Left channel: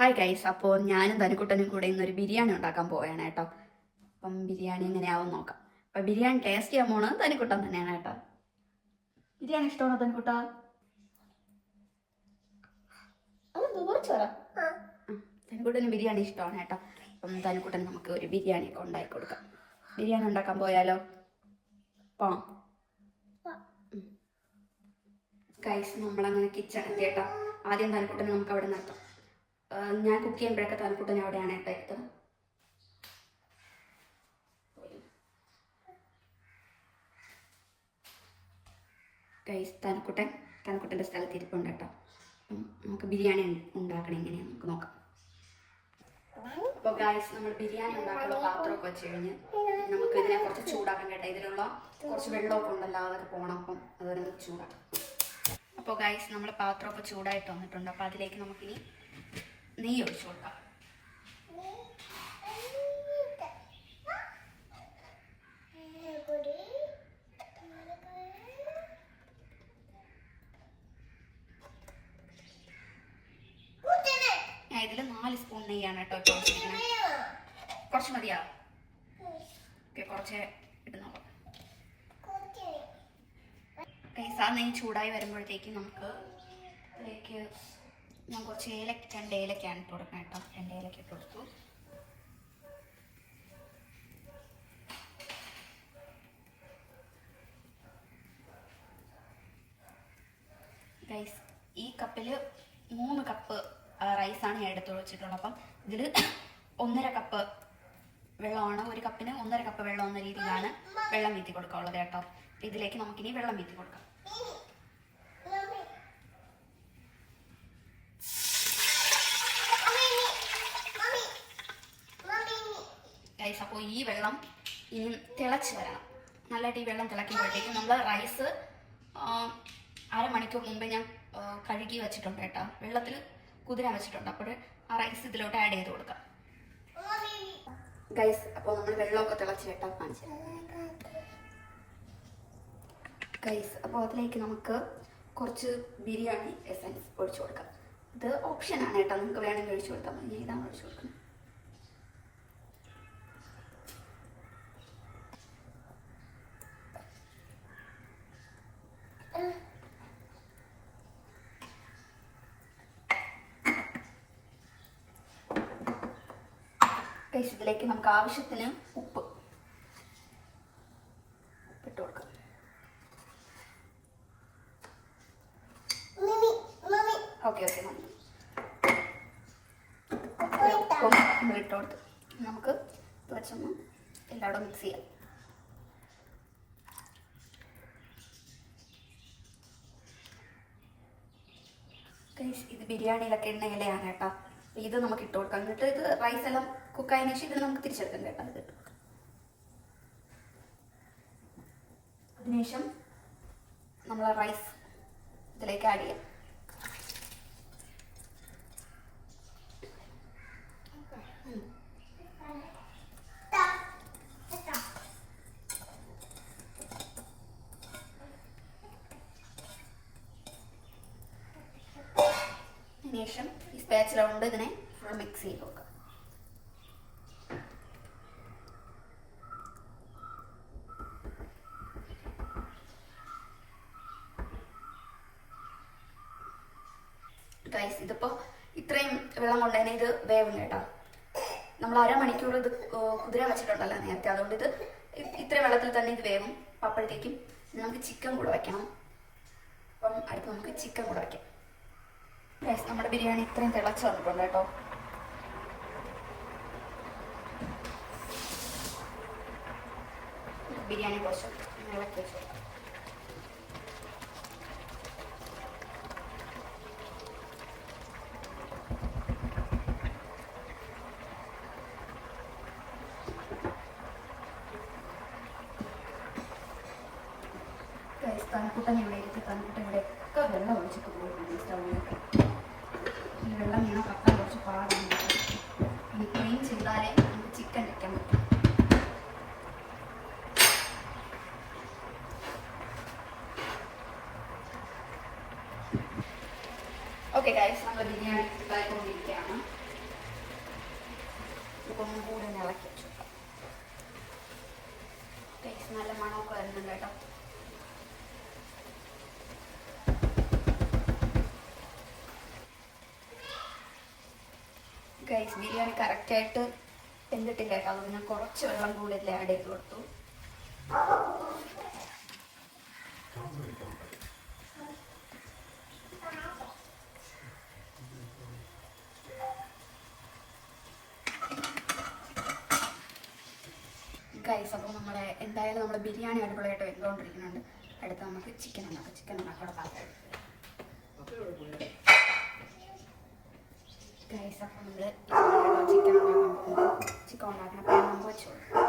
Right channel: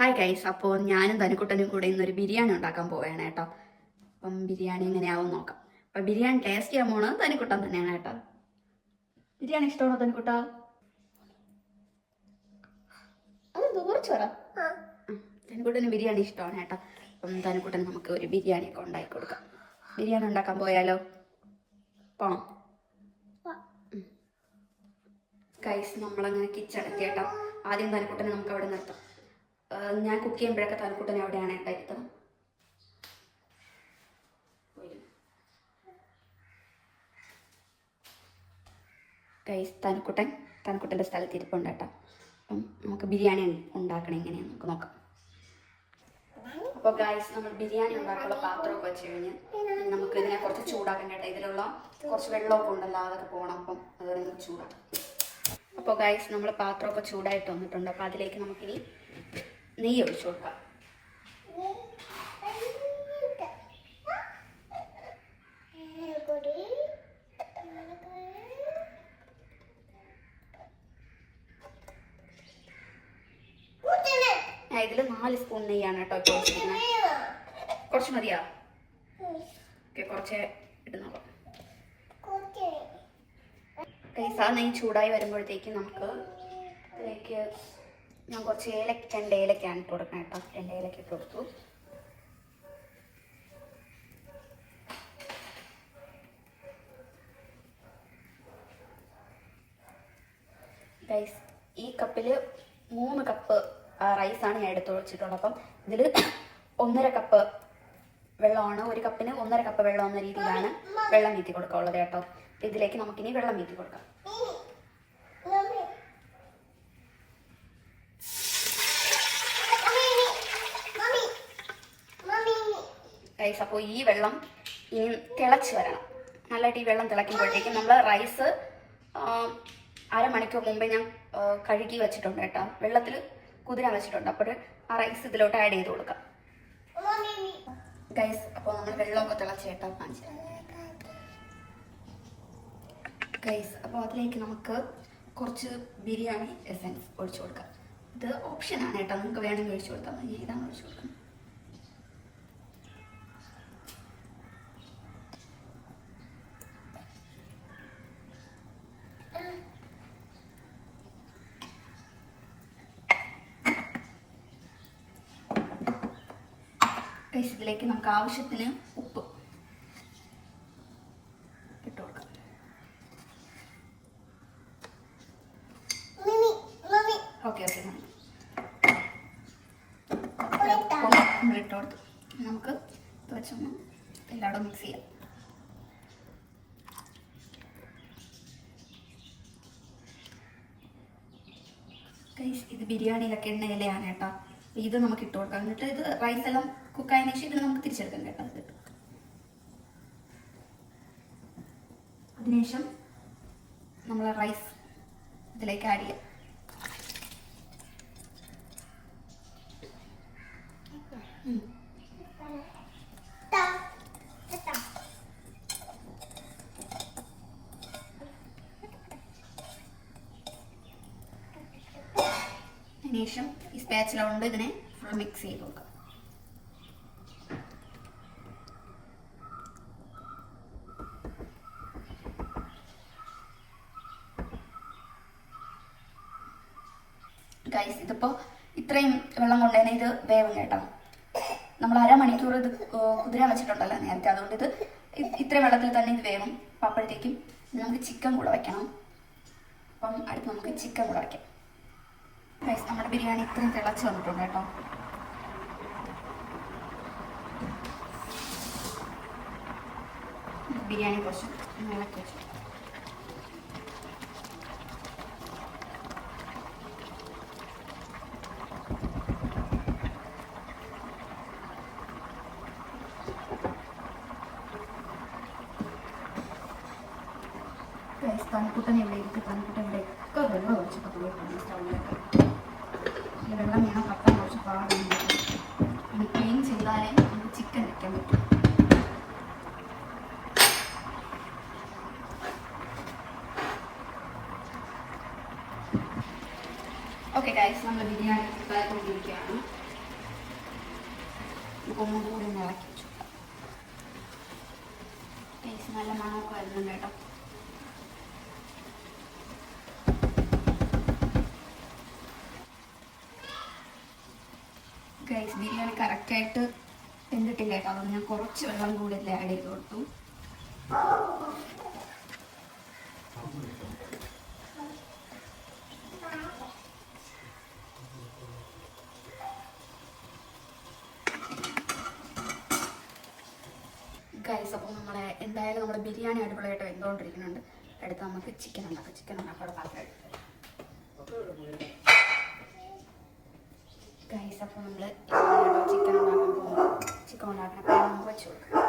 Hi guys, അപ്പോൾ ഞാനും തനിക്കുട്ടനും കൂടെ ഇന്നൊരു ബിരിയാണി ഉണ്ടാക്കാൻ പോവുകയാണ് കേട്ടോ. അപ്പം ബിരിയാണി എങ്ങനെയാവും നോക്കാം. അപ്പം ബിരിയാണി ടേസ്റ്റ് ചെയ്യാൻ പോണത് തനിക്കുട്ടൻ തന്നെയാണ് കേട്ടോ. ബിരിയാണി ഇഷ്ടമാണോ തനിക്കുട്ട? അതെന്തോ കുറച്ച് പറ. തനിക്കുട്ടന് ബിരിയാണി ഇഷ്ടമാണ് കേട്ടോ. അപ്പം തനിക്കുട്ടൻ നമുക്ക് ഒരു ബിരിയാണി ഒക്കെ ഉണ്ടാക്കി കൊടുക്കാം. ബിരിയാണി ഉണ്ടാക്കാൻ പോയാലോ? പോണം ഗൈസ്. നമ്മളങ്ങനെ കിച്ചൺ എത്തി കേട്ടോ. ആദ്യം തനിക്കുട്ടനെ നമുക്ക് അവിടെ നിർത്താം. ഞാൻ കുക്ക് ചെയ്യുമ്പോഴൊക്കെ തനിക്കുട്ടൻ അവിടെയാണ് കേട്ടോ ഇരുത്തം. ഗൈസ്, തനിക്കുട്ടൻ്റെ സ്ഥലത്ത് ഇരിപ്പുണ്ട് കേട്ടോ. അപ്പം നമുക്ക് ബിരിയാണി ഉണ്ടാക്കണം എങ്ങനെയാണ് നമുക്ക് നോക്കാം. അപ്പോൾ ഗൈസ്, നമ്മൾ ബിരിയാണി ഉണ്ടാക്കാനുള്ള പാത്രമൊക്കെ വെച്ച് കഴിഞ്ഞ് നമുക്ക് ഇതിനെ കുറച്ച് ചൂടാക്കാൻ കേട്ടോ. ഇതിലുള്ള കുറച്ച് വെള്ളമൊക്കെ ഉണ്ടല്ലോ, അതൊക്കെ പോകണം. അപ്പം അതുപോലെ നമുക്ക് ചൂടാക്കാം. അപ്പോൾ ഗൈസ്, നമ്മൾ പാത്രമൊക്കെ ചൂടായിട്ട് വന്നിട്ടുണ്ട്. അപ്പോൾ അതിലേക്ക് നമുക്കിനി നെയ്യ് ഒഴിച്ചു കൊടുക്കാം. ഇതിൽ 4 സ്പൂൺ നെയ്യാണ് കേട്ടോ ഇപ്പോൾ ഒഴിച്ചിരിക്കുന്നത്. കുറച്ച് മതിയാ? ഓക്കെ, കുറച്ച് ഇട്ട് നോക്കാം. ആ നെയ്യ് ചൂടായി വരുമ്പോഴത്തേക്കും നമുക്ക് അതിലേക്ക് ഞാൻ കുറച്ച് 2 ഏലക്കയാണ് ഇട്ട് കൊടുക്കണം കേട്ടോ. 2 ഏലക്ക ഇട്ട് കൊടുത്തു. റൈസ് ഈ കപ്പിൽ 3 കപ്പ് റൈസാണ് ഞാൻ എടുത്ത് വെച്ചിട്ടുള്ളത്. അപ്പം ഇതിൽ 1.5 കപ്പ് വെള്ളമാണ്. 1 കപ്പിന് 1.5 കപ്പ് വെള്ളം എന്ന രീതിയിലാണ് വെള്ളം വീത്തി കൊടുക്കാനുള്ളത് കേട്ടോ. ഇതിലേക്ക് നമുക്കിനി വെള്ളം വീത്തി കൊടുക്കാം. റൈസ് അപ്പോൾ ഈ വെള്ളം ഇനി തിളച്ച് വരണം. നല്ലതായിട്ട് ഈ വെള്ളം തിളയ്ക്കുമ്പോഴത്തേക്കും നമ്മൾ റൈസ് അരമണിക്കൂർ മുമ്പേ ഞാൻ കഴുകി വെച്ചിട്ടുണ്ട് കേട്ടോ. വെള്ളത്തിൽ കുതിരാൻ വെച്ചിട്ടുണ്ട്. അപ്പോൾ ആ റൈസ് ഇതിലോട്ട് ആഡ് ചെയ്ത് കൊടുക്കാം. ഗൈസ്, അപ്പോൾ നമ്മൾ വെള്ളമൊക്കെ തിളച്ച് കേട്ടോ കാണിച്ചു. ഗൈസ്, അപ്പോൾ അതിലേക്ക് നമുക്ക് കുറച്ച് ബിരിയാണി എസൻസ് ഒഴിച്ചു കൊടുക്കാം. ഇത് ഓപ്ഷനാണ് കേട്ടോ, നമുക്ക് വേണമെങ്കിൽ ഒഴിച്ചു കൊടുത്താൽ മതി. ഇതാണ് ഒഴിച്ചു കൊടുക്കുന്നത്. ഗൈസ്, ഇതിലേക്ക് നമുക്ക് ആവശ്യത്തിന് ഉപ്പ് ഇട്ട് കൊടുക്കാം. ഓക്കെ ഓക്കെ, ഉപ്പും ഇട്ട് കൊടുത്തു. നമുക്ക് വെച്ചൊന്ന് എല്ലായിടും മിക്സ് ചെയ്യാം. ഗൈസ്, ഇത് ബിരിയാണിയിലൊക്കെ എണ്ണയിലയാണ് കേട്ടോ. ഇത് നമുക്ക് ഇട്ട് കൊടുക്കാം. എന്നിട്ട് ഇത് റൈസ് എല്ലാം കുക്കായതിനു ശേഷം ഇതിന് നമുക്ക് തിരിച്ചെടുക്കാം കേട്ടോ. അതിനുശേഷം നമ്മൾ റൈസ് ഇതിലേക്ക് ആഡ് ചെയ്യാം. അതിനുശേഷം ഈ സ്പാച്ചുല കൊണ്ട് ഇതിനെ ഫുൾ മിക്സ് ചെയ്ത് നോക്കാം. ഗൈസ്, ഇതിപ്പോൾ ഇത്രയും വെള്ളം കൊണ്ട് തന്നെ ഇത് വേവും കേട്ടോ. നമ്മൾ അരമണിക്കൂർ ഇത് കുതിരാൻ വെച്ചിട്ടുണ്ടല്ലോ നേരത്തെ. അതുകൊണ്ട് ഇത് ഇത്രയും വെള്ളത്തിൽ തന്നെ ഇത് വേവും. അപ്പോഴത്തേക്കും നമുക്ക് ചിക്കൻ കൂടെ വയ്ക്കണം. അപ്പം അടുത്ത് നമുക്ക് ചിക്കൻ കൂടെ വയ്ക്കാം. ഗൈസ്, നമ്മുടെ ബിരിയാണി ഇത്രയും തിളച്ച് വന്നിട്ടുണ്ട് കേട്ടോ. ബിരിയാണി കുറച്ച് ഇളക്കി വെച്ചു. തനിക്കുട്ടൻ ഇവിടെ ഇരിക്കും. തനിക്കുട്ടൻ ഇവിടെ ഒക്കെ വെള്ളം ഒഴിച്ചിട്ട് പോയിട്ടുണ്ട് സ്റ്റൗവിലൊക്കെ. വെള്ളം വീണ പത്താൻ കുറച്ച് പാടുണ്ട്. ഇനി ക്ലീൻ ചെയ്താലേ നമുക്ക് ചിക്കൻ വെക്കാൻ പറ്റും. ഓക്കെ ഗൈസ്, നമ്മൾ ബിരിയാണി ഉണ്ടാക്കിക്കൊണ്ടിരിക്കുകയാണ്. ഒന്നും കൂടി ഒന്ന് ഇളക്കി വെച്ചു. ടേസ്റ്റ് നല്ല മണമൊക്കെ വരുന്നുണ്ട് കേട്ടോ. ഗൈസ് ബിരിയാണി കറക്റ്റായിട്ട് വെന്തിട്ടില്ല കേട്ടോ. അത് ഞാൻ കുറച്ച് വെള്ളം കൂടി ആഡ് ചെയ്ത് കൊടുത്തു. ഗൈസ് അപ്പോൾ എന്തായാലും നമ്മുടെ ബിരിയാണി അടിപൊളിയായിട്ട് വെന്തുകൊണ്ടിരിക്കുന്നുണ്ട്. അടുത്ത് നമുക്ക് ചിക്കൻ ഉണ്ടാക്കാം. ചിക്കൻ ഉണ്ടാക്കാനുള്ള പാത്രം ഗൈസ്. അപ്പോൾ നമ്മൾ ചിക്കൻ ഉണ്ടാക്കാൻ പോകുന്നത് ചിക്കൻ ഉണ്ടാക്കണം. അപ്പോൾ നമുക്ക് വെച്ച് കൊടുക്കാം.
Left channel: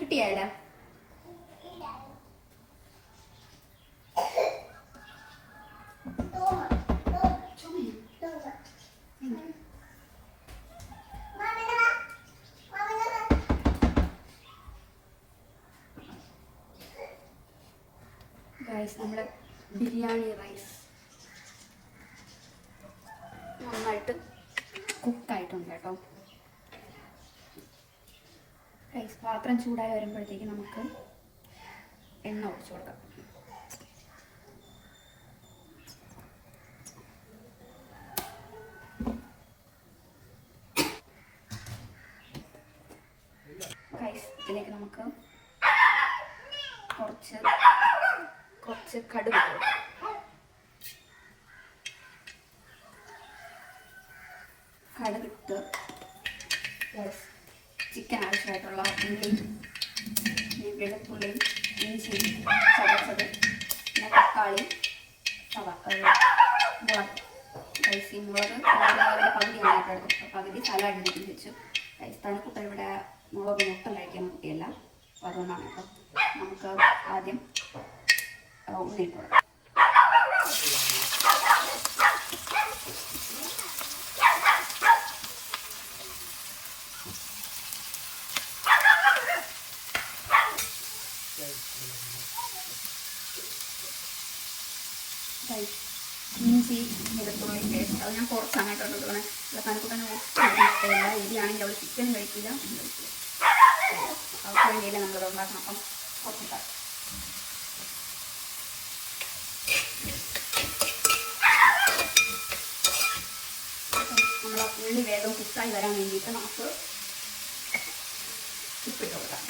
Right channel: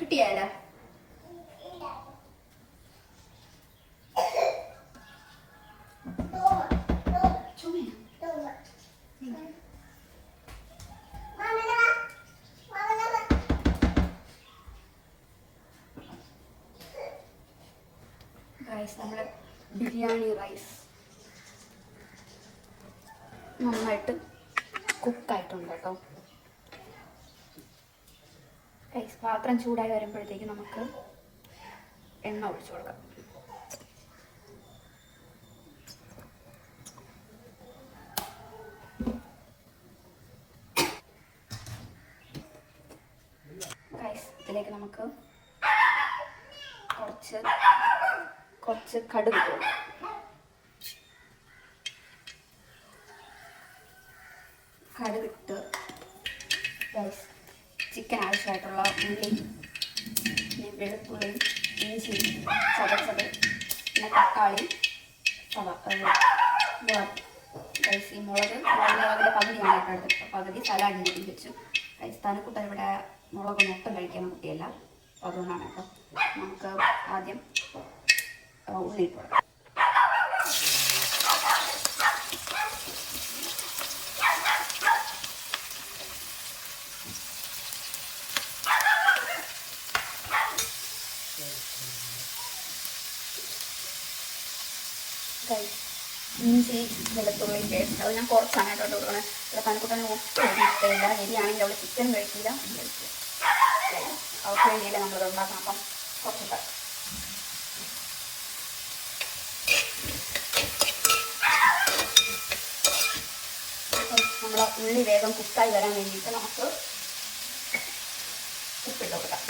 കിട്ടിയല്ല റൈസ്, നമ്മുടെ ബിരിയാണി റൈസ് നന്നായിട്ട് കുക്കായിട്ടുണ്ട് കേട്ടോ. റൈസ് പാത്രം ചൂടായി വരുമ്പോഴത്തേക്ക് നമുക്ക് എണ്ണ ഒഴിച്ചു കൊടുക്കാം. റൈസ് ഇതിലേക്ക് നമുക്ക് കുറച്ച് കടുക് ഇട്ട് കൊടുക്കാം. കടുകിട്ട് റൈസ് ചിക്കൻ ആവശ്യമായിട്ടുള്ള ഉള്ളി, വെളുത്തുള്ളി, ഇഞ്ചി ചതച്ചത്, പിന്നെ തക്കാളി, റൈസ് ഈ മുളക് അതിൻ്റെ പകുതിയാണ് കേട്ടോ എടുത്തത്. പകുതി സലാഡിൻ്റെ വെച്ച്. റൈസ് തനിക്കുട്ട ഇവിടെ മുളക് മൊത്തം കഴിക്കുന്ന കുട്ടിയല്ല, അപ്പോൾ അതുകൊണ്ടാണ് കേട്ടോ. നമുക്ക് ആദ്യം ഉള്ളി ഇട്ട് കൊടുക്കാം. ഇഞ്ചി വെളുത്തുള്ളി പേസ്റ്റ് അത് ഞാൻ കുറച്ചാണ് കേട്ടോ കൊടുക്കുന്നത്. ഇവിടെ പണിക്കുട്ടനെ ഒട്ടും ഇഷ്ടമില്ല. എരിയാണെങ്കിൽ അവൾ ചിക്കൻ കഴിക്കില്ല. അവർക്ക് വേണ്ടിയില്ല നമ്മളത് ഉണ്ടാക്കണം. അപ്പം കുറച്ചിട്ട് നമ്മൾ ഉള്ളി വേഗം കുക്കായി വരാൻ വേണ്ടിയിട്ട് നമുക്ക് ഉപ്പിട്ട് കൊടുക്കാം.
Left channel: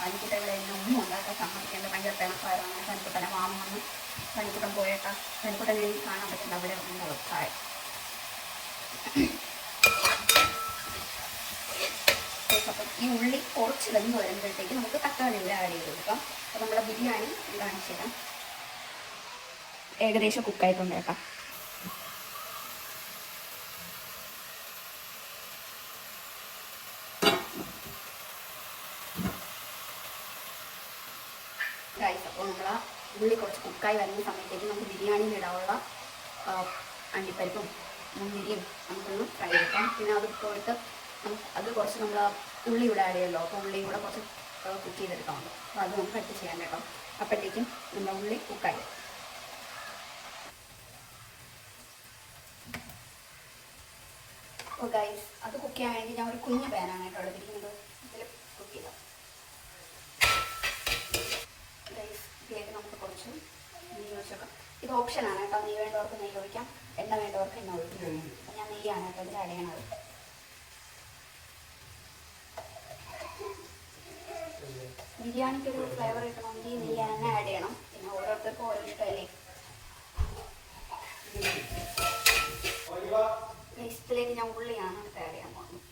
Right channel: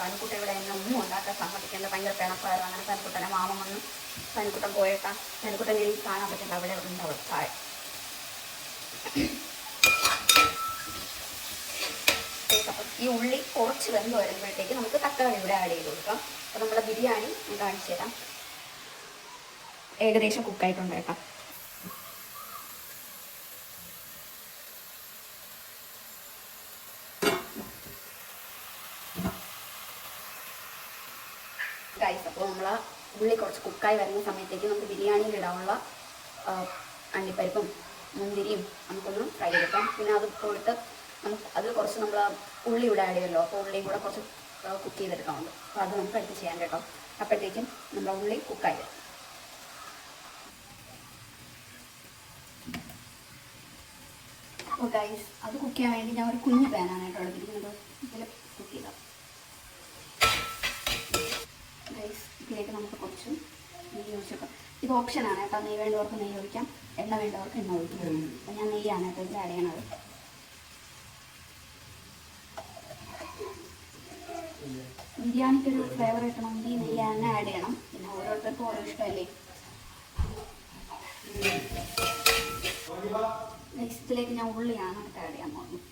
പനിക്കുട്ട ഇവിടെ എന്നെ ഒന്നും ഉണ്ടാക്കാൻ സമ്മതിക്കേണ്ട ഭയങ്കര പിണപ്പായിരുന്നു. അങ്ങനെ പനിക്കുട്ടനെ മാമൻ വന്ന് പനിക്കുട്ടൻ പോയേട്ടാ പനിക്കുട്ടനെ കാണാൻ പറ്റില്ല, അവിടെ ഉണ്ടാവും താഴെ. അപ്പം ഈ ഉള്ളി കുറച്ച് വെന്ത് വരുമ്പോഴത്തേക്ക് നമുക്ക് തക്കാളി ഇവിടെ ആഡ് ചെയ്ത് കൊടുക്കാം. അപ്പം നമ്മുടെ ബിരിയാണി കാണിച്ചു തരാം. ഏകദേശം കുക്കായിട്ടുണ്ടേക്കാം. ഗൈസ് അപ്പോൾ നമ്മൾ ഉള്ളി കുറച്ച് കുക്കായി വരുന്ന സമയത്തേക്ക് നമുക്ക് ബിരിയാണിയിൽ ഇടാനുള്ള അണ്ടിപ്പരിപ്പും മുന്തിരിയും നമുക്കൊന്ന് ഫ്രൈ എടുക്കാം. പിന്നെ അത് പോയിട്ട് അത് കുറച്ച് നമ്മൾ ഉള്ളി ഇവിടെ ആഡ് ചെയ്യുമല്ലോ, അപ്പോൾ ഉള്ളിയും കൂടെ കുറച്ച് കുക്ക് ചെയ്തെടുക്കാറുണ്ട്. അപ്പോൾ അത് നമുക്ക് എടുത്ത് ചെയ്യാൻ കേട്ടോ. അപ്പോഴത്തേക്കും നമ്മുടെ ഉള്ളി കുക്കായി. അപ്പോൾ ഗൈസ് അത് കുക്ക് ചെയ്യാൻ വേണ്ടി ഞാൻ ഒരു കുഞ്ഞ് പാനാണ് കേട്ടോ എടുത്തിരിക്കുന്നത്. ഇതിൽ കുക്ക് ചെയ്താൽ ഗൈസ് ഇതിലേക്ക് നമുക്ക് കുറച്ച് നെയ്യ് ഒഴിച്ചേക്കാം. ഇത് ഓപ്ഷനാണ് കേട്ടോ. നെയ്യ് വേണ്ടവർക്ക് നെയ്യ് ഒഴിക്കാം, എണ്ണ വേണ്ടവർക്ക് എണ്ണ ഒഴിക്കാം. അപ്പോൾ ഞാൻ നെയ്യാണ് കേട്ടോ ഇതിൽ ആഡ് ചെയ്യണത്. ബിരിയാണിക്കൊരു ഫ്ലേവർ കിട്ടണമെങ്കിൽ നെയ്യ് തന്നെ ആഡ് ചെയ്യണം. പിന്നെ ഓരോരുത്തർക്കും ഓരോ ഇഷ്ടമല്ലേ. ഇതിലേക്ക് ഞാൻ ഉള്ളിയാണ് ആഡ് ചെയ്യാൻ പോകുന്നത്.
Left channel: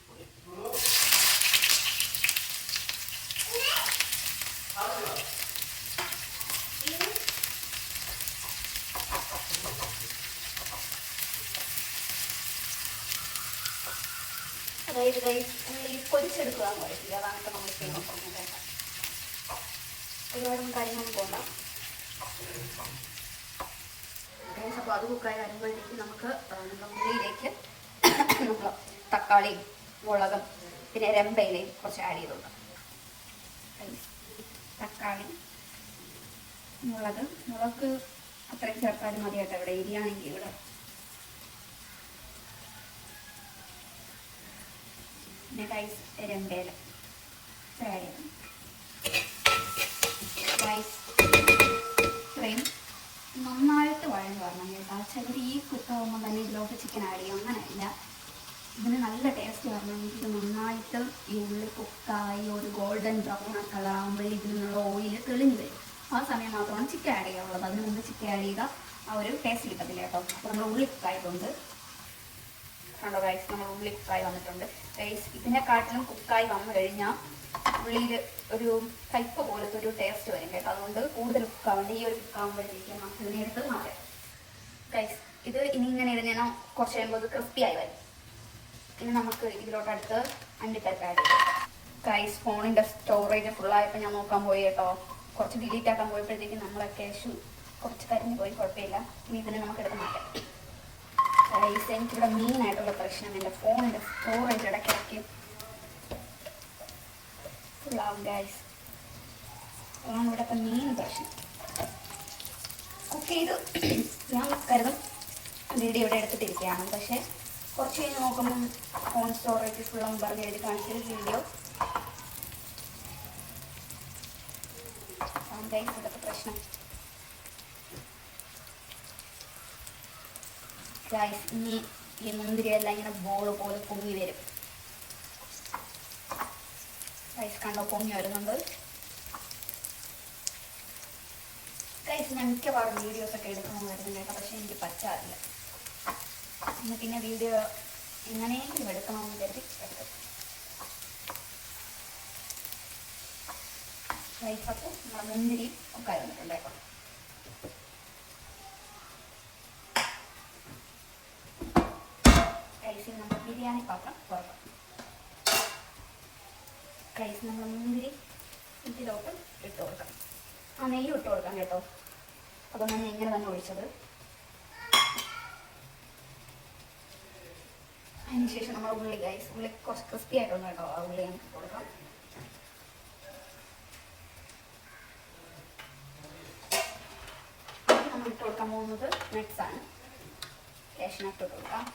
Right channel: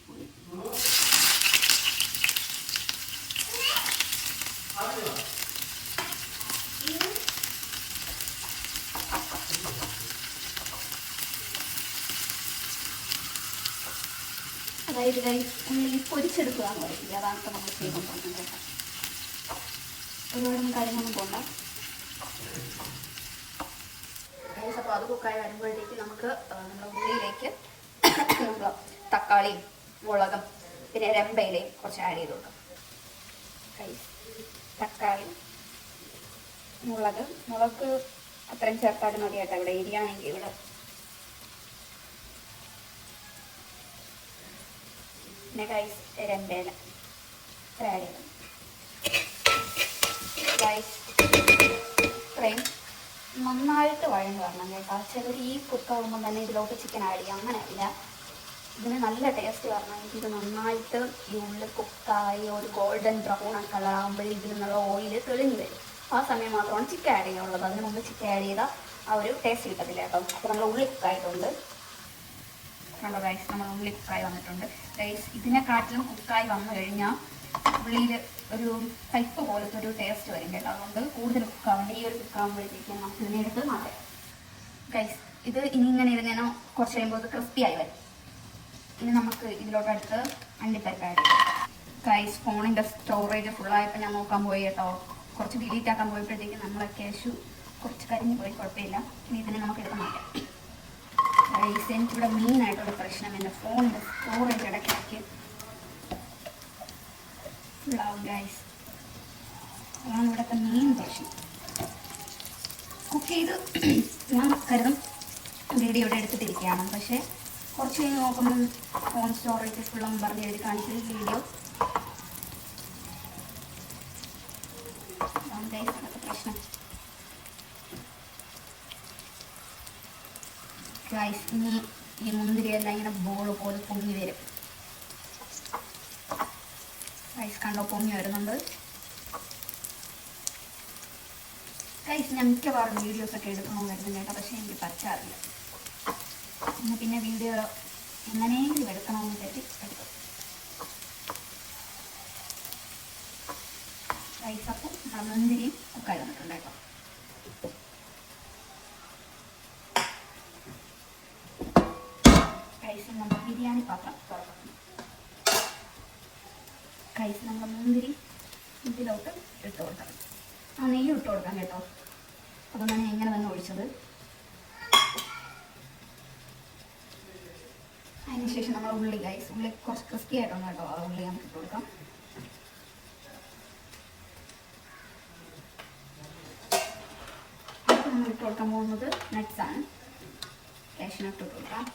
അതായത് ഗൈസ് ഉള്ളി പൊരിച്ചെടുക്കുക എന്ന് പറയില്ല, അതാണ് ഇപ്പോൾ നമ്മൾ ചെയ്തുകൊണ്ടിരിക്കുന്നത് കേട്ടോ. ഒരുപാടൊന്നും കാര്യങ്ങളൊന്നും പോകണ്ട ഗൈസ്. അപ്പോൾ അത് കുക്കായി വരുമ്പോഴത്തേക്ക് നമുക്ക് നമ്മുടെ ഉള്ളിയിലേക്ക് നമ്മൾ തക്കാളിയും മുളകും പിന്നെ രമ്പയിലയും കുറച്ച് ആഡ് ചെയ്ത് കൊടുക്കാം ഗൈസ്. തക്കാളി മുളക് അത്രയും ചേർത്താലും മതിയായിട്ട് ഇവിടെ എരിയാണെങ്കിൽ ഇവിടെ. പിന്നെ ഗൈസ് രമ്പയില ആഡ് ചെയ്യണം ഗൈസ്. ഇത്രയും നന്നായിട്ട് വഴന്ന് വരണം കേട്ടോ. ചിലർ ഈ കുക്കാവുമ്പോൾ തന്നെ ഇതിലോട്ട് ചിക്കൻ ആഡ് ചെയ്യാം, അങ്ങനെയല്ല. ഇതിന് നല്ല ടേസ്റ്റ് വരണമെങ്കിൽ ഇത് നന്നായിട്ട് ഈ ഉള്ളിൽ കുക്കായി ഒരു ഗോൾഡൻ ബ്രൗൺ കളർ ആകുമ്പോൾ ഇതിൽ നിന്നുള്ള ഓയിൽ തെളിഞ്ഞ് വരും. ആ സമയം മാത്രമാണ് ചിക്കൻ ആഡ് ചെയ്യാനുള്ളത്. അതിന് മുമ്പ് ചിക്കൻ ആഡ് ചെയ്താൽ ആ ഒരു ടേസ്റ്റ് കിട്ടത്തില്ല കേട്ടോ. അപ്പോൾ നമ്മൾ ഉള്ളി കുക്കായിട്ടുണ്ട് കണ്ടോ ഗൈസ്, നമ്മൾ ഉള്ളി കുക്കായി വന്നിട്ടുണ്ട് ഗൈസ്. ഇതിനെക്കാട്ടിലും കുക്കായി വന്നു കഴിഞ്ഞാൽ ഉള്ളിയിൽ ഒരു കയ്പ് പോലത്തെ ഒരു ടേസ്റ്റ് വരും കേട്ടോ. അതുകൊണ്ട് കൂടുതൽ കുക്കാവേണ്ട. ഈ ഒരു കുക്കാവുമ്പോഴത്തേക്കും നമുക്ക് ഇതിനെ എടുത്ത് മാറ്റാം ഗൈസ്. ഇത് ഇനി ഇങ്ങനെ ഇരുന്നേനോ കുറച്ച് കഴിയുമ്പോൾ അത് ക്രിസ്പിയായി വരും. ഇനി നമുക്ക് ഇതിലോട്ടടുത്ത് അണ്ടിപ്പരിപ്പ് ആഡ് ചെയ്യാം ഗൈസ്. ഫോണിൻ്റെ സ്റ്റോറേജ് ഫുള്ളായപ്പോൾ ഞാൻ നോക്കാൻ പോയി കേട്ടോ. കുറച്ച് ഡിലീറ്റ് ആക്കാൻ പോയപ്പോഴത്തേക്കും നമ്മളെ ക്യാഷ് കുറച്ച് കരിഞ്ഞ് പോയി, കുഴപ്പമില്ല. ഇനി ഇതിനെ നമുക്ക് എടുത്ത് മാറ്റാം ഗൈസ്. എനിക്കിവിടെ മെയിനായിട്ടുള്ള പ്രശ്നം എൻ്റെ ഫോണിൻ്റെ സ്റ്റോറേജ് ഇടയ്ക്കിടയ്ക്ക് ഫുള്ളാവും ഗൈസ്. അതാണ് ഇവിടുത്തെ മെയിൻ പ്രശ്നം. കുക്ക് ചെയ്ത് ഞാൻ കരുതും വീഡിയോ ഇവിടെ എടുത്തിട്ടിരിക്കുകയാണ്, പക്ഷേ കുറച്ച് കഴിഞ്ഞ് നോക്കുമ്പം ഫോൺ സ്റ്റോറേജ് ഫുള്ളൊന്നും പറഞ്ഞ് എഴുതി കാണിച്ചത് വീഡിയോ ഗൈസ്. ഇവിടുത്തെ പ്രശ്നം ഗൈസ്. ഇനി ഈ മുന്തിരിയെല്ലാം ഇങ്ങനെ ബോൾ പോലെ പൊങ്ങി വരും ഗൈസ്. കണ്ടോ പൊങ്ങി വരുന്നുണ്ട് ഗൈസ്. ഞാൻ മിക്കവാറും വീഡിയോസൊക്കെ എടുക്കണമെന്ന് വരുന്നത് കേട്ടോ, പക്ഷേ എനിക്ക് പറ്റാറില്ല. ഇന്ന് പിന്നെ വീഡിയോ എങ്ങനെയെങ്കിലും എടുക്കണമെന്ന് വിചാരിച്ച് എടുത്തു ഗൈസ്. അപ്പോൾ മുന്തിരിയും ഒക്കെ വന്നിട്ടുണ്ട് കേട്ടോ. ഗൈസ് നമ്മൾ ബിരിയാണി പാത്രം തുറക്കാം ഗൈസ്. നമ്മൾ മുന്തിരി ഇതിലോട്ട് ഇട്ട് കൊടുക്കാം. ആ നെയ്യ് ഇട്ട് കൊടുക്കാം കേട്ടോ. അതുകൊണ്ടാണ് ഞാൻ ഇങ്ങനെ തന്നെ ഒഴിച്ചത്. അതിനുശേഷം നമ്മൾ ഉള്ളി ഗൈസ്, ഉള്ളി കുറച്ച് ക്രിസ്പി ആയിട്ടൊന്നും കേട്ടോ. ആ ഉള്ളി നമുക്ക് ഇട്ട് കൊടുക്കാം. നമ്മൾ ഇട്ട് കൊടുക്കാൻ പോകുന്നത് നട്ട്സാണ്. കാഷ്നട്ട് ഇട്ട് കൊടുക്കാം.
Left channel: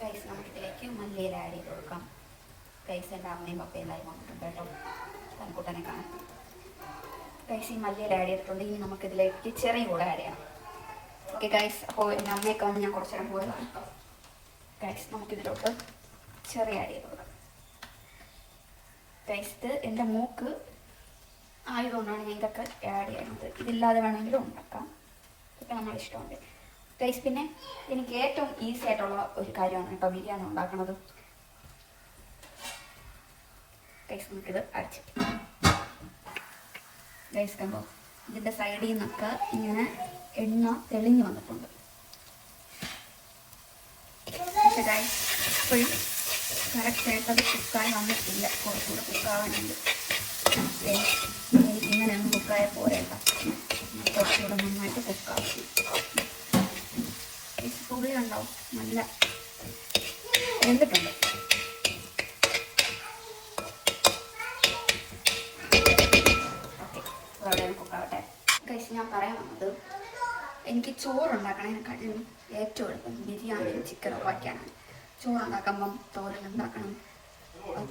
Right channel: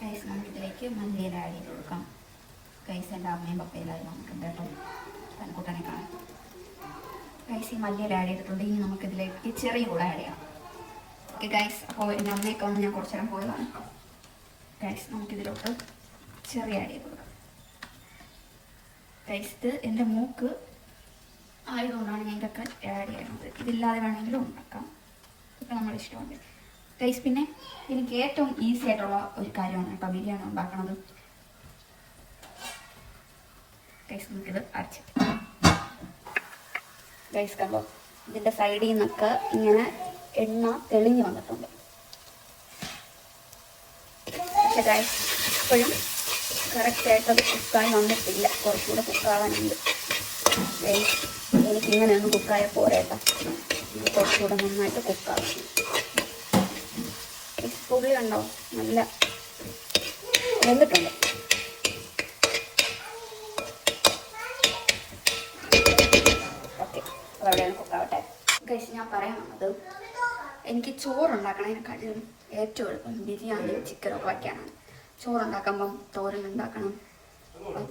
ഗൈസ് നമ്മളിതിലേക്ക് മല്ലിയില ആഡ് ചെയ്ത് കൊടുക്കാം ഗൈസ്. എൻ്റെ അമ്മയും പപ്പയും എല്ലാവരും വന്നിട്ടുണ്ട് കേട്ടോ, തനക്കൂട്ടനെ കാണാൻ ഗൈസ്. ഈ മല്ലിയില ആഡ് ചെയ്തിട്ടുണ്ട്. ഇനി നമുക്കിതിലേക്ക് ചെറിയ കൂടെ ആഡ് ചെയ്യണം. Okay guys. അപ്പോൾ എൻ്റെ അമ്മയൊക്കെ വന്ന് ഞാൻ കുറച്ച് നേരം പോയതാണ് ഗൈസ്. നമുക്കിതിലോട്ട് ചെറിയ ആഡ് ചെയ്ത് കൊടുക്കാം ഗൈസ്. ഇത് എൻ്റെ മൂക്ക് ആയതുകൊണ്ടാണ് ഞാൻ ഇതൊക്കെ ആഡ് ചെയ്യുന്നത്. ഇതില്ലാതെ വേണമെങ്കിലും ഉണ്ടാക്കാം, ഇതൊക്കെ നമ്മുടെ ഇഷ്ടമുണ്ട് ഗൈസ്. പിന്നെ എനിക്ക് ഏറ്റവും ഈസി ആയിട്ടുള്ള ഒരു കാര്യമാണ് കേട്ടോ ബിരിയാണി ഉണ്ടാക്കുന്നത് ഗൈസ്. നമുക്കിത് അരച്ച് ഗൈസ് കണ്ടോ, ഇതിൻ്റെ സൈഡിൽ നിന്നൊക്കെ ഇങ്ങനെ എണ്ണ തെളിഞ്ഞു വന്നിട്ടുണ്ട്. പക്ഷേ ഗൈസ് ഇപ്പോഴും കറക്റ്റായിട്ട് അത് കുക്കായി വന്നിട്ടില്ല, കുറച്ചുകൂടെ കുക്കാവാനുണ്ട് ഗൈസ്. ഇങ്ങനെയൊന്നും കുക്കായ പോരേട്ടാ, കുറച്ചുകൂടെ നന്നായിട്ട് കുക്കാവും. ഉള്ളി ഉണ്ടോ നല്ല വെന്തിട്ടുണ്ട്. ഓക്കെ, അവിടെയാണ് കുക്കാവട്ടെ ഗൈസ്. ഞാൻ പറയാൻ വന്നത് എനിക്ക് ചോറുണ്ടാക്കണതിനെക്കാട്ടിലും ഏറ്റവും എളുപ്പം ബിരിയാണി ചിക്കനൊക്കെ വയ്ക്കാനാണ്. ചോറുണ്ടാക്കുമ്പം തോരൻ ഉണ്ടാക്കണം,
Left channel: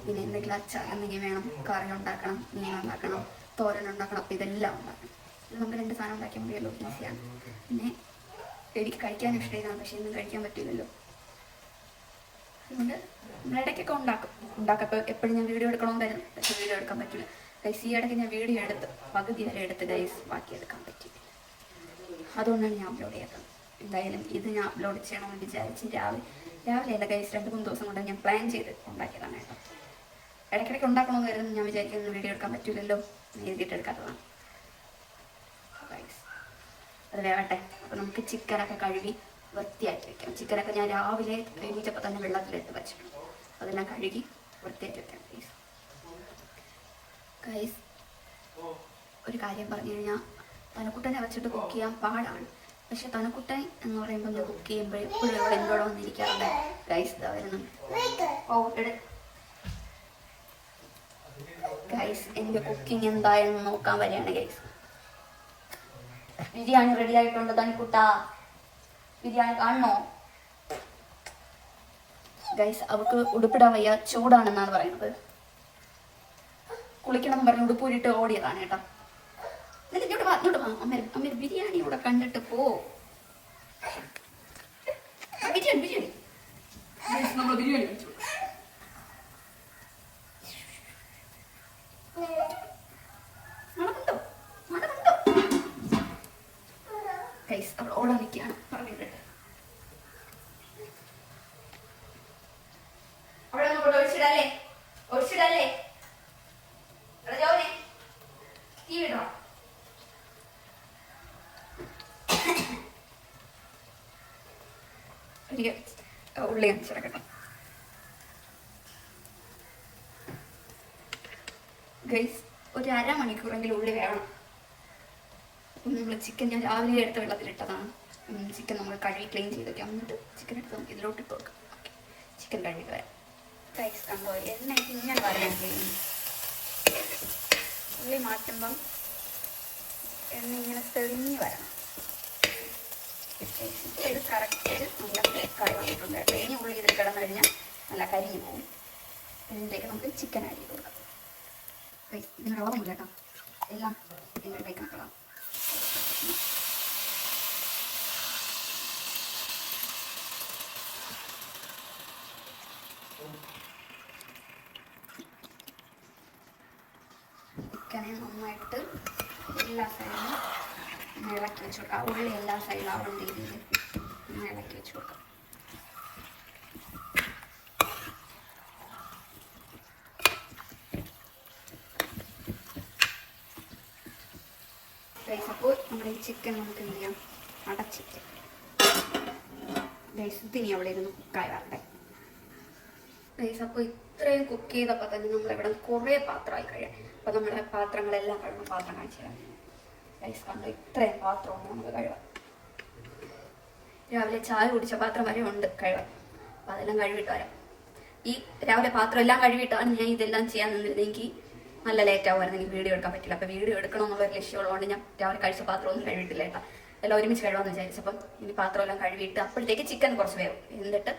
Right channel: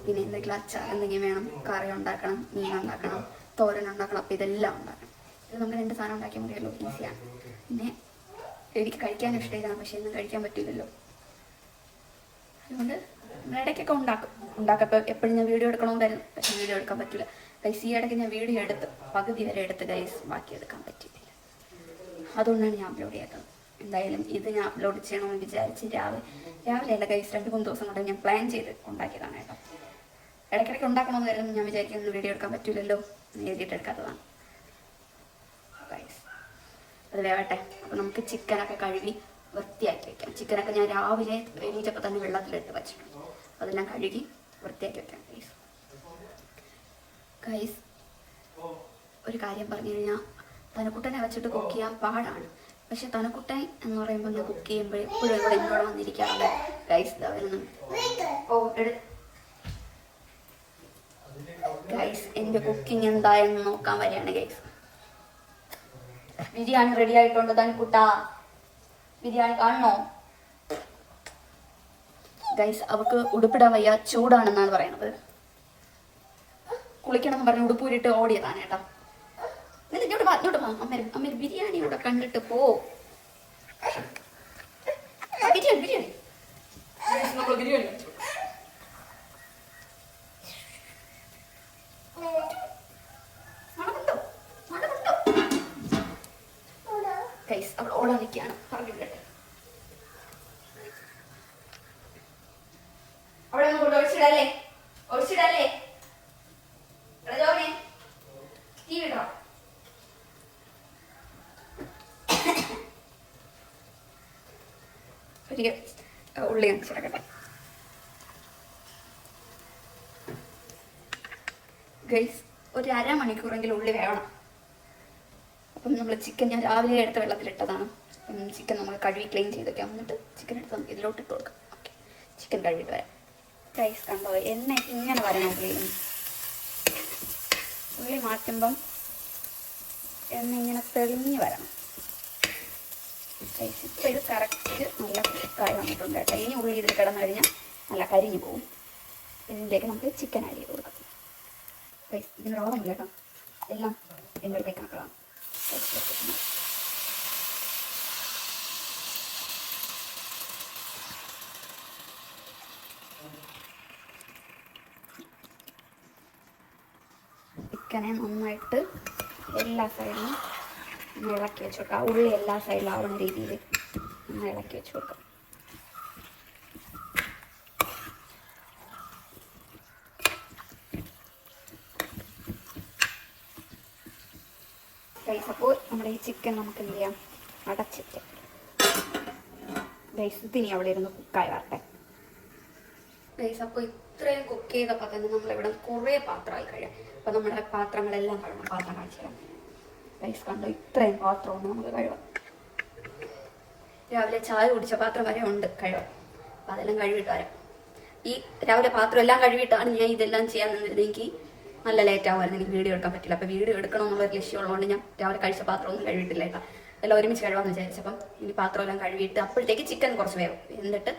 പിന്നെ എന്തെങ്കിലും അച്ചാർ എന്തെങ്കിലും വേണം, കറി ഉണ്ടാക്കണം, മീൻ ഉണ്ടാക്കണം, തോരൻ ഉണ്ടാക്കണം. അപ്പോൾ ഇതെല്ലാം ഉണ്ടാക്കണം. ഇത് നമുക്ക് 2 സാധനം ഉണ്ടാക്കിയാൽ മതിയല്ലോ, ഈസിയാണ്. പിന്നെ എനിക്ക് കഴിക്കാനും ഇഷ്ടമാണ്, പക്ഷെ ഇന്നും കഴിക്കാൻ പറ്റില്ലല്ലോ. അതുകൊണ്ട് നമ്മൾ ഇടയ്ക്കൊക്കെ ഉണ്ടാക്കപ്പോൾ എപ്പോഴും ഞാൻ വീഡിയോ എടുക്കണമെന്നായിരുന്നു, പക്ഷെ വീഡിയോ എടുക്കാൻ പറ്റില്ല ഗൈസ്. ഈ ഇടയ്ക്ക് ഞാൻ വീഡിയോ എടുത്ത് പകുതി വരെ എടുത്ത് ഗൈസ്, ബാക്കി എടുക്കാൻ പറ്റിയിട്ടില്ല. അതുകൊണ്ടാണ് ഞാൻ അപ്ലോഡ് ചെയ്യാത്തത്. എന്തായാലും ഇത് ഞാൻ അപ്ലോഡ് ചെയ്യണമെന്ന് വിചാരിച്ച് രാവിലെ അല്ല ഗൈസ്, 2-3 ദിവസം കൊണ്ട് ഞാൻ പ്ലാൻ ചെയ്ത് ഉണ്ടാക്കിയതാണ് കേട്ടോ. ഇടയ്ക്കിടയ്ക്ക് ഉണ്ടാക്കണമെന്ന് ഞാൻ വിചാരിക്കുന്നു, വീഡിയോ എടുക്കാൻ പറ്റില്ലല്ലോ എന്ന് എഴുതിയിട്ട് എടുക്കാത്തതാണ്. അത് വേവട്ടെ. അപ്പോൾ നമുക്ക് ചിക്കനൊക്കെ കഴുകി വൃത്തിയാക്കി വെക്കാം. ചിക്കനൊക്കെ ഞാൻ രാവിലെ എണീറ്റപ്പോൾ തന്നെ വെള്ളത്തിലിട്ട് വെച്ചിട്ടുണ്ട്. അതെല്ലാം കഴുകി വൃത്തിയാക്കി വെക്കാം. ഗൈസ് ഒരു കാര്യം പറഞ്ഞു കഴിഞ്ഞാൽ, തനക്കുട്ടനെ വെച്ചിട്ട് കുക്ക് ചെയ്യാൻ പാടാണ്. പക്ഷെ തനക്കുട്ടൻ എന്ന് പറയുമ്പോൾ ഞാൻ കുക്ക് ചെയ്യുമ്പോൾ എപ്പോഴും ഇവിടെ എന്നോട് വന്നിരിക്കാറുണ്ട്. ഗൈസ് വരുന്നു. ഗൈസ് എൻ്റെ കുക്കിംഗ് എന്തായെന്ന് നോക്കാൻ വരികയാണ്. ഗൈസ് ബിരിയാണി റെഡി ആയിട്ടുണ്ട്. തനക്കുട്ട ബിരിയാണി കാണണോ? ഗൈസ് അവൾക്ക് ഉടുപ്പിടാൻ വയ്യ, ചൂടാണെന്നാണ് പറയുന്നത്. കുളിക്കണമെന്ന് പറഞ്ഞ് ഉടുപ്പൂരിട്ട് ഓടിയതാണ് കേട്ടോ. ഇങ്ങോട്ട് വാ അമ്മ ബിരിയാണി ഇവിടെ കണ്ടിട്ട് പോ. ബിരിയാണി ഗൈസ് അവൾ ഓടാൻ നിൽക്കുകയാണ്. പറഞ്ഞു വിടട്ടെ. അവിടെ ഒഴിച്ചിടല്ലേ ടീ വിടണോ? ഉള്ളി കാണിച്ചിടക്കട്ടെ. ഗൈസ് ഒരു അരമണിക്കൂറെങ്കിലും ഉള്ളി വേണം. അപ്പം നമ്മൾ ചിക്കൻ ഞാൻ രാവിലെ എടുത്ത വെള്ളത്തിലിട്ടതാണ്. ചിക്കൻ നമ്മൾ കഴുകി ക്ലീൻ ചെയ്തൊക്കെ എന്നിട്ട് ചിക്കൻ എടുത്ത് നമുക്ക് ഇതിലോട്ട് ഇട്ട് കൊടുക്കാം. ഓക്കെ, ചിക്കൻ കഴുകിയിട്ട് വരാം. ഗൈസ് കണ്ടോ എണ്ണ ഇങ്ങനെ വരണം. ഉള്ളി മാറ്റുമ്പം എണ്ണ ഇങ്ങനെ തെളിഞ്ഞ് വരണം. ഇത് കറക്റ്റ് നല്ല കറി വന്നിട്ടുണ്ട് കേട്ടോ. ഇനി ഉള്ളി ഇതിൽ കിടന്നു കഴിഞ്ഞാൽ നല്ല കരിഞ്ഞു പോകും. ഇതിൻ്റെയൊക്കെ നമുക്ക് ചിക്കൻ ആഡ് ചെയ്ത് കൊടുക്കാം. ഇതിന് റോളൊന്നുമില്ല കേട്ടോ, എല്ലാം ഇതിൻ്റെ അടുത്തേക്ക് ആക്കണം. ചിക്കനെ നന്നായിട്ട് എല്ലാ സൈഡിലും ഇളക്കി വെച്ച് കൊടുക്കാം. ഉള്ളി എല്ലാ സൈഡിലും ആവുന്ന രീതിയിൽ ഇളക്കി വെച്ച് കൊടുക്കാം. അപ്പോൾ നമ്മുടെ ഈ ചിക്കൻ നമുക്ക് എന്ത് ചെയ്യാം, അടച്ചിട്ട് ഗൈസ് ഇതിനി അവിടെ ഇരുന്ന് കുക്കായി വരട്ടെ. ഗൈസ് അപ്പോൾ ഇത്രയും കുക്ക് ചെയ്തപ്പോൾ തന്നെ നമ്മളിവിടെ കുറേ പാത്രമായി കഴിയാം. അപ്പോൾ നമ്മുടെ പാത്രങ്ങളെല്ലാം കഴുകും. പാത്രം കാണിച്ചു തരാം. ഗൈസ് കണ്ടോ ഇത്രയും പാത്രമാണ് നമുക്ക് കഴുകാം. രാവിലെ ചായ കുടിച്ച പാത്രം വരെ ഉണ്ട് കഴുകാൻ. അപ്പം അതെല്ലാം കഴുകിയിട്ട് വരാം. ഈ രാവിലെ പാത്രം എല്ലാം കഴുകിയിട്ടാണ് ഞാൻ ഇതെല്ലാം ചെയ്യാൻ നിന്നിരുന്നെങ്കിൽ നല്ല ലേറ്റ് ആവുമായിരുന്നു. എനിക്ക് വീഡിയോ എടുക്കാൻ പറ്റില്ല. അപ്പോൾ വീഡിയോ എടുക്കണമെന്നുള്ളൊരു ലക്ഷ്യമുള്ളതുകൊണ്ട് ഞാൻ രാവിലെ കഴിച്ച പാത്രമൊന്നും കഴുകിയിട്ടില്ല കേട്ടോ. എല്ലാം ഒരുമിച്ച് കഴുകാമെന്ന് വിചാരിച്ചപ്പം ഇനി പാത്രമെല്ലാം കഴുകിയിട്ട് അപ്പോഴത്തേക്ക് ചിക്കൻ കുറച്ച് വേവും. എന്നിട്ട്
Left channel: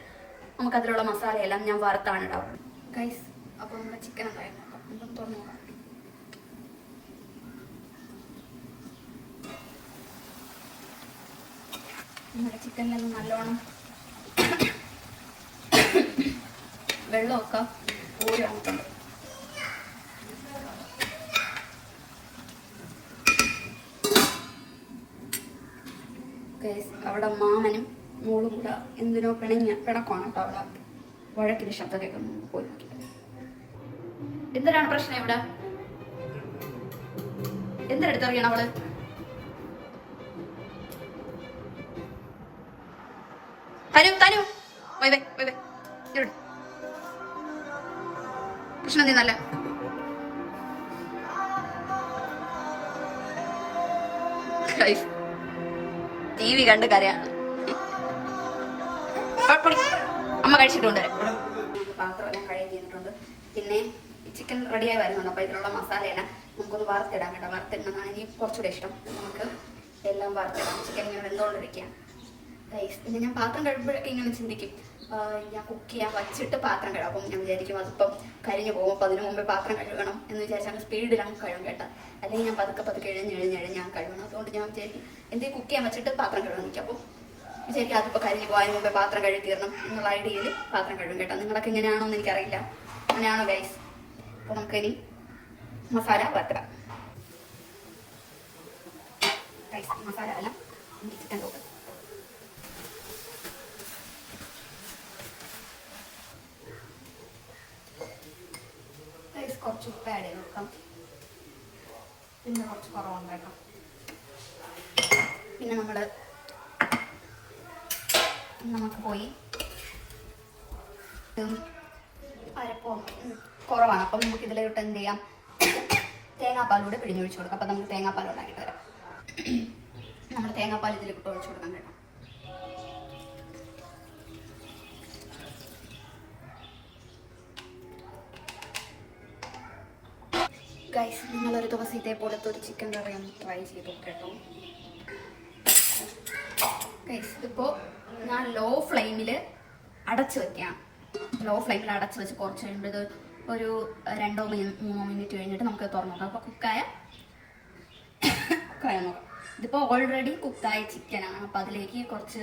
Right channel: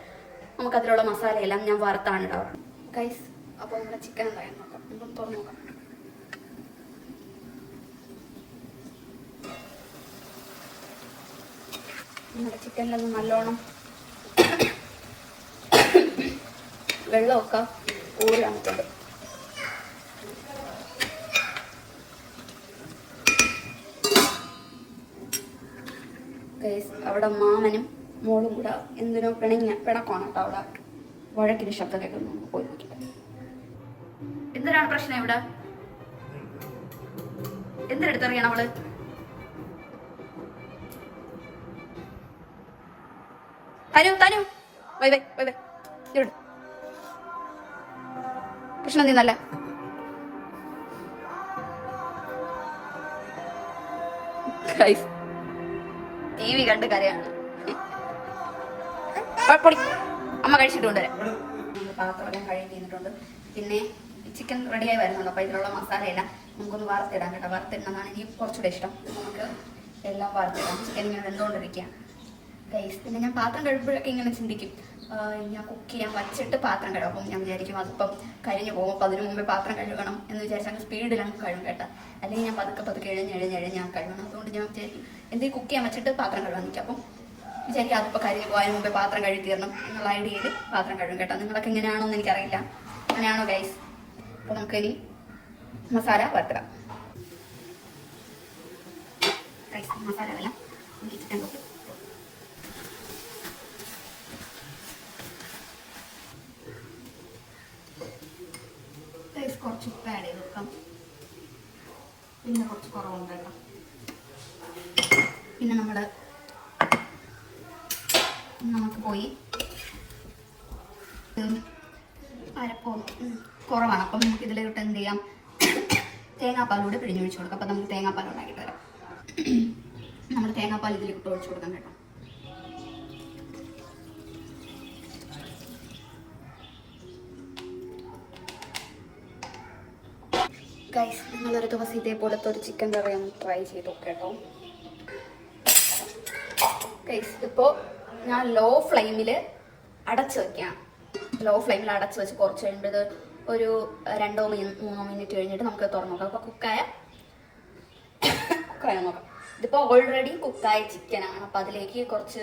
നമുക്കതിലുള്ള മസാലയെല്ലാം ഞാൻ വറുത്താണ് ഇടാറുണ്ട്. ഗൈസ് അപ്പോൾ നമ്മുടെ ചിക്കൻ എന്തായാലും നോക്കാം. നമുക്ക് തുറന്ന് നോക്കാം. നമ്മുടെ ചിക്കനിലൊന്നും നല്ലോണം വെള്ളമൊക്കെ ഊരി വന്നിട്ടുണ്ട്. അവിടെ മാമനും മോളും കൂടെ എന്തിനോ പിണക്കമാണ് കേട്ടോ. അവിടെ വഴക്കിന് ശബ്ദം കേൾക്കുന്നു. പോയി നോക്കിയിട്ട് എന്തിനാണ് പ്രശ്നം? ഇവിടെ എന്തിനെടുത്തറിയണം അവള്? തനു വൈ വൈ വൈ വൈ പ്രശ്നം എന്തിനല്ല. TV കണ്ട് കരയാണ്. അമ്മ കഴിച്ചിട്ടുണ്ട്. പാത്രമെല്ലാം കഴുകി ചെയ്തിട്ടുണ്ട്. പിന്നെ ചിക്കൻ റെഡിയായി വരുന്നുണ്ട്. അപ്പോൾ ഇതിലുള്ള മസാലയെല്ലാം നമുക്കൊന്ന് വറുത്തിടാം കേട്ടോ. വറുത്തിടുന്നതാണ് എനിക്ക് കുറച്ചുകൂടെ ഇഷ്ടം. നമുക്ക് എല്ലാം വറുത്തിടാം. ചിക്കൻ ഇങ്ങനെ എന്തുകൊണ്ടിരിക്കുക ഗൈസ്. പിന്നെ ഞാൻ പാത്രം കഴുകുമ്പോഴൊക്കെ ഇങ്ങനെ ചിന്തിക്കും, ഞാൻ കുക്ക് ചെയ്യാൻ വച്ചിട്ട് പാത്രം കഴുകും. അപ്പം ഞാൻ വിചാരിക്കും അതിപ്പം കഴിഞ്ഞ് പോകും. അപ്പം അതിനു മുമ്പേ പാത്രം കഴുകണം എന്ന് വിചാരിച്ചാൽ സ്പീഡിലാണ് കഴുകും കേട്ടോ. അല്ലെങ്കിൽ ഞാൻ പതുക്കെ എഴുഞ്ഞ് ഞാൻ കഴുകണം. അതുകൊണ്ട് ഞാൻ വിചാരിക്കും എന്തെങ്കിലും കുക്ക് ചെയ്യാൻ വെച്ചിട്ട് പാത്രം കഴുകാൻ നിൽക്കും. അപ്പം വിചാരിക്കും അതിപ്പോൾ കരിഞ്ഞ് പോകാൻ മുമ്പേ പാത്രം കഴുകി തീരണം എന്നുള്ള ഐഡിയയിൽ പാത്രം കഴുകും കേട്ടോ. നിങ്ങളൊക്കെ എങ്ങനെയാണോ എന്ന് എനിക്കറിയില്ല. അങ്ങനെയാണോ ഗൈസ്? അപ്പോൾ നമുക്കിനി മസാല വറുത്തിടാം. ഗൈസ് മസാല എല്ലാം എനിക്ക് ചിക്കൻ കൊടുക്കും. പിന്നെ കുറച്ച് കുറവുണ്ട് കേട്ടോ. പിന്നെ നമുക്ക് പോയി അരപ്പം കുറവാണ്. അപ്പം നമുക്ക് ഇതിലോട്ട് എന്ത് ചെയ്യാം, തേങ്ങാപ്പാലൂടെ പിഴിഞ്ഞൊഴിച്ച് കൊടുക്കാം. അപ്പം നമുക്ക് തേങ്ങാപ്പാൽ ഉണ്ടാക്കിയിട്ട് തരാം. നമ്മൾ തേങ്ങാപ്പാൽ ഇതിലിട്ട് ഒഴിച്ച് കൊടുക്കാം കേട്ടോ. ഗൈസ്, നിങ്ങളൊരു ദിവസം ഇതേപോലത്തെ ഒരു ചിക്കൻ കറി ഒന്ന് ട്രൈ ചെയ്ത് കേട്ടോ. ഗൈസ്, ഇപ്പോൾ ഞാൻ ലോ ഫ്ലെയിമിൽ അടച്ച് വെക്കാം. ലോ ഫ്ലെയിമിൽ അടച്ച് വെച്ച് കുറച്ച് കഴിഞ്ഞിട്ട് ഒരു 2-3 മിനിറ്റ് കഴിഞ്ഞിട്ട് നമുക്ക് തുറന്നു നോക്കാം. അപ്പോൾ കുക്കായ നോക്കാം. ഇതിപ്പോൾ ഓൾറെഡി കുക്കായ ചിക്കനാണ്. അപ്പോൾ അതിലേക്ക് കുറച്ച്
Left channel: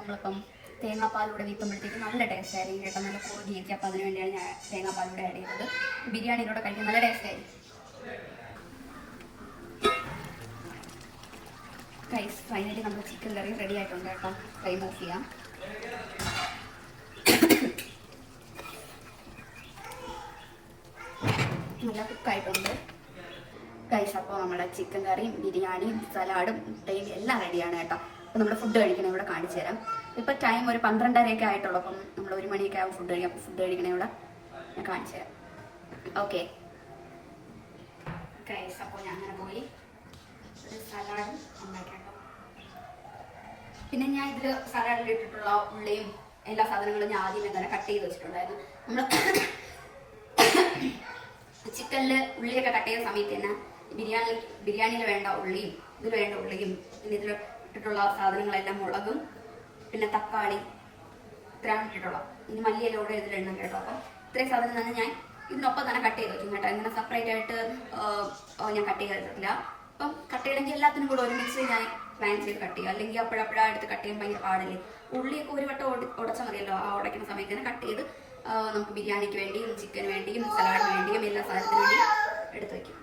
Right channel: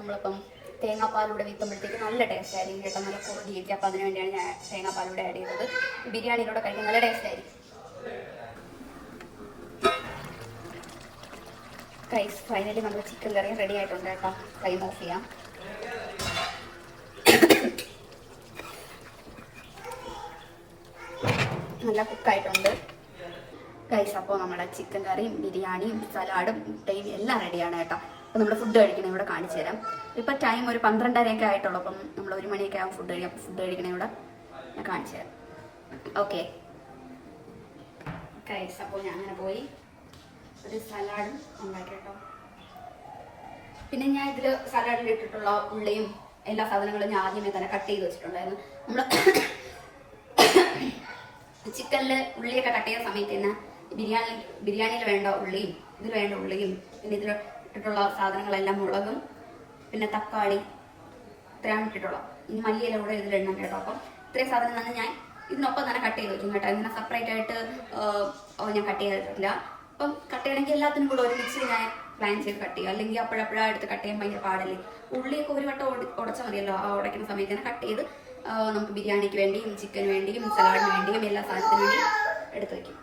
നമ്മളിപ്പം തേങ്ങാപ്പാലൂടെ വെക്കുമ്പോഴത്തേക്ക് നല്ല ടേസ്റ്റ് ആയിരിക്കും കേട്ടോ. നല്ല കുറുകിയിരിക്കും. അപ്പോൾ അതിന് വേണ്ടിയാണ് ഞാൻ തേങ്ങാപ്പാലൂടെ ആഡ് ചെയ്തത്. ബിരിയാണിയിലൂടെ കഴിക്കാൻ നല്ല ടേസ്റ്റ് ആയിരിക്കും. ഗൈസ്, ഫൈനലി നമ്മൾ ചിക്കൻ കറി റെഡി ആയിട്ടുണ്ട് കേട്ടോ. ഫ്ലെയിം ഓഫ് ചെയ്യാം. നല്ല കുക്കായിട്ടുണ്ട് ഗൈസ്. അപ്പോൾ നമ്മുടെ ചിക്കൻ കറിയും ബിരിയാണിയും സലാഡും മുട്ടയും എല്ലാം റെഡിയാണ് കേട്ടോ. അപ്പോൾ നമ്മൾ ഫുഡ് കഴിക്കണേ ഇവിടെ കാണിച്ചു തരാം. ഇപ്പോൾ ടൈം ഒരു 12:30 ആയിട്ടുള്ളൂ. അപ്പം നമ്മൾ 1 മണിയൊക്കെ ആവും ഫുഡ് കഴിക്കണേ ഇവിടെ ഞാൻ കാണിച്ചു തരാം. ഓക്കെ ഗൈസ്, അപ്പോൾ ഞാൻ അങ്ങനെ പോയി ഒരു സലാഡും ഉണ്ടാക്കി കേട്ടോ. പിന്നെ ഞാൻ ഇതിൽ സലാഡിൽ ഇട്ടിട്ടുള്ള ഉള്ളിയും എല്ലാ സാധനങ്ങളും ഞാൻ ആദ്യമേ തന്നെ കട്ട് ചെയ്ത് വെച്ചിട്ടുണ്ടായിരുന്നു. നമ്മൾ ചിക്കനിൽ ഉള്ളിയൊക്കെ കട്ട് ചെയ്യുന്ന സമയത്ത് തന്നെ ബിരിയാണിയിൽ വേണ്ട ഉള്ളിയും ഇതിൽ വേണ്ട ഉള്ളിയും പിന്നെ ഇതിൽ ഇട്ടിട്ടുള്ള സാധനങ്ങളെല്ലാം മുളകും പിന്നെ തക്കാളി ഇത്രയാണ് ഇട്ടിട്ടുള്ളത്. ഇനി മല്ലിയില കൂടെ ഇതിലിടണം കേട്ടോ. അപ്പം ഇത്രയും സാധനം തന്നെ ഞാൻ ഇതിനൊപ്പം തന്നെ കട്ട് ചെയ്ത് വെക്കും കേട്ടോ. ഇങ്ങനെ സെപ്പറേറ്റ് ആയിട്ട് ഞാൻ കട്ട് ചെയ്തിട്ടില്ല. അപ്പം കട്ട് ചെയ്യണമെങ്കിൽ എല്ലാത്തിനും കൂടെ ഒരുമിച്ച് ഞാൻ പ്ലാൻ ചെയ്ത് കട്ട് ചെയ്യുക. അല്ലെങ്കിൽ അപ്പോഴപ്പോഴാണ് എടുത്ത് കട്ട് ചെയ്യാൻ ഭയങ്കര പാടല്ലേ. ഉള്ളിയൊക്കെ ഒരു വട്ടം ഉടച്ചാൽ മതിയല്ലോ. ആ ഉടയ്ക്കുന്ന സമയത്ത് തന്നെ കട്ട് ചെയ്ത് നമുക്ക് ബിരിയാണിക്ക് വേണ്ടിയും ചിക്കന് വേണ്ടിയും സലാഡിന് വേണ്ടിയും എല്ലാ സാധനത്തിനും വേണ്ടി എടുത്ത് വയ്ക്കും.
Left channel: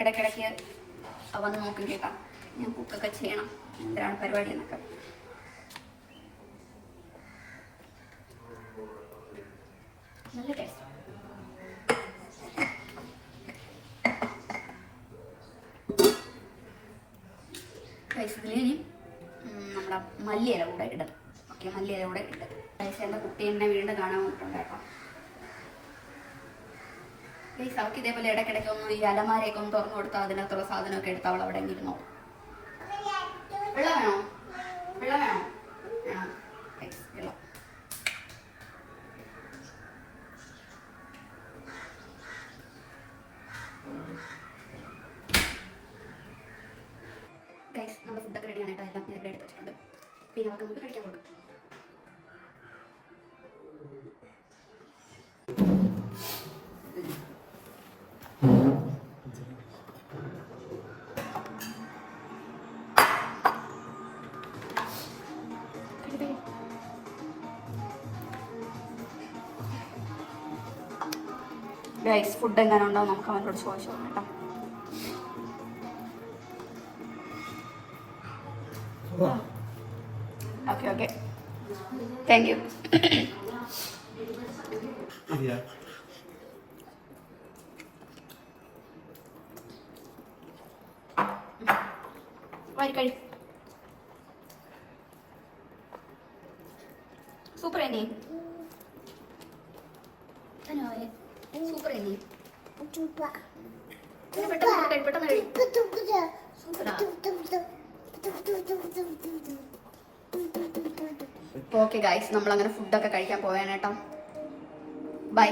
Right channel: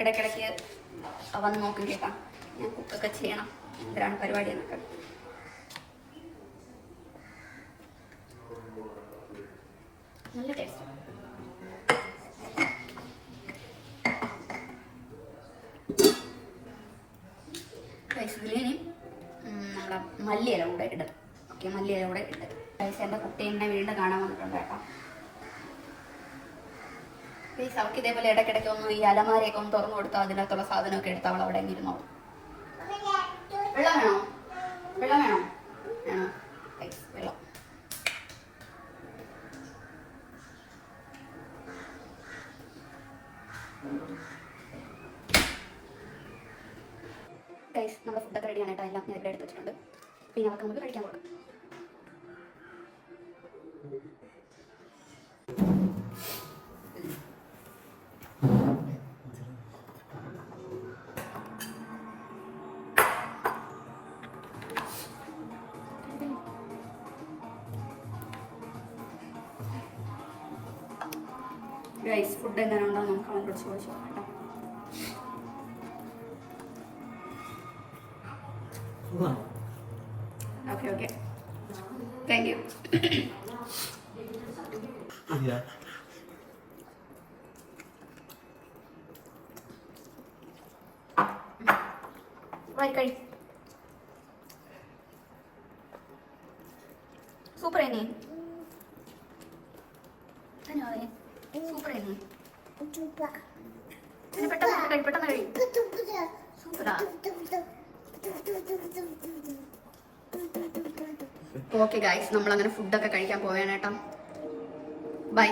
ഇടയ്ക്കിടയ്ക്ക് വന്ന് നോക്കും കേൾക്കാം. ഞാൻ കുക്കൊക്കെ ചെയ്യണം. എന്തിനാണ് പരിപാടി എന്നൊക്കെ. നല്ല ടേസ്റ്റ്. ഇതിലിനി നമ്മുടെ മല്ലിയില കൂടെ ഇടും. ഓക്കെ, മല്ലിയില കൂടെ ഇട്ട് എൻ്റെ കുട്ടീനെ വീണ്ടും കാണാൻ വന്നിട്ടുണ്ട് കേട്ടോ. ഈ അവൾക്ക് ഇതേപോലെ ഇടയ്ക്കിടയ്ക്ക് ഒന്ന് ഈ അലമാരയൊക്കെ ഒന്ന് തുറന്നു കൊടുത്താൽ അതിനകത്തുള്ള സാധനമൊക്കെ എടുത്ത് അവൾ അവിടെ ഇരുന്നോ. വെള്ളം വേണോ? വെള്ളം വേണോ? വേണോ? വെള്ളം. നമ്മുടെ ഫുഡൊക്കെ റെഡിയാണ് കേട്ടോ. എല്ലാം ഞാൻ ഇവിടെ എടുത്ത് വെച്ചിട്ടുണ്ട്. പിന്നെ നമുക്ക് കഴിക്കാൻ കൊടുക്കാം. ഗൈസ്, ഫുഡ് എങ്ങനെ ഉണ്ടോ നമുക്ക് അവനോട് ചോദിച്ചു കേട്ടോ. Okay okay, thank you. കഴി സൂപ്പർ ആയി സൂപ്പർ ആയി. പെട്ടെന്ന് കഴി. സൂപ്പറാ. ഓക്കെ ഗൈസ്, നമ്മളങ്ങനെ ഫുഡൊക്കെ കഴിക്കാൻ പോവേണം കേട്ടോ. ബൈ.